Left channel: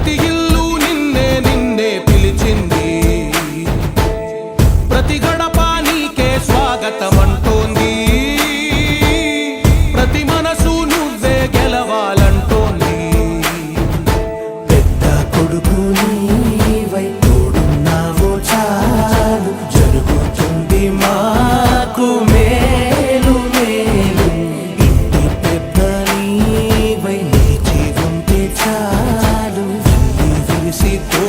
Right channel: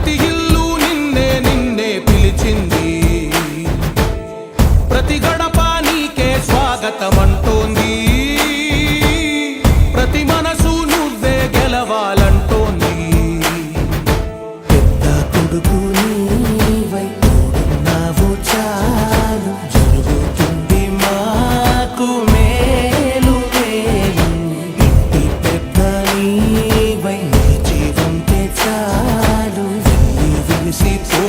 ప్రతి ఇల్లు నిన్నే నిన్నే పిలిచింది. ప్రతి గడప నీకే స్వాగతం అంటోంది ప్రతి మనసు నువ్వే గెలవాలంటోంది. పెద్ద కొడుకుని see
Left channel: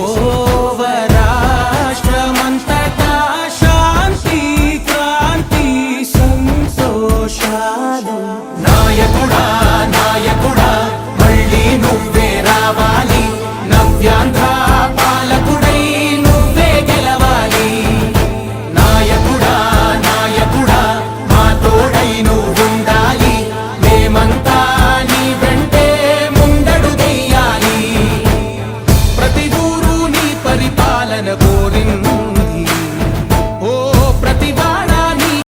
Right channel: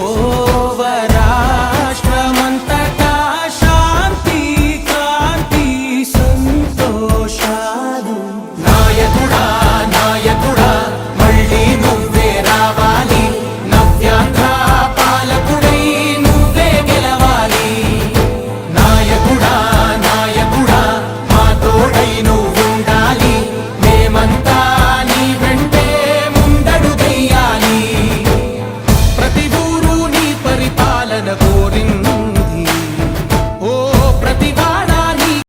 കോരിൻ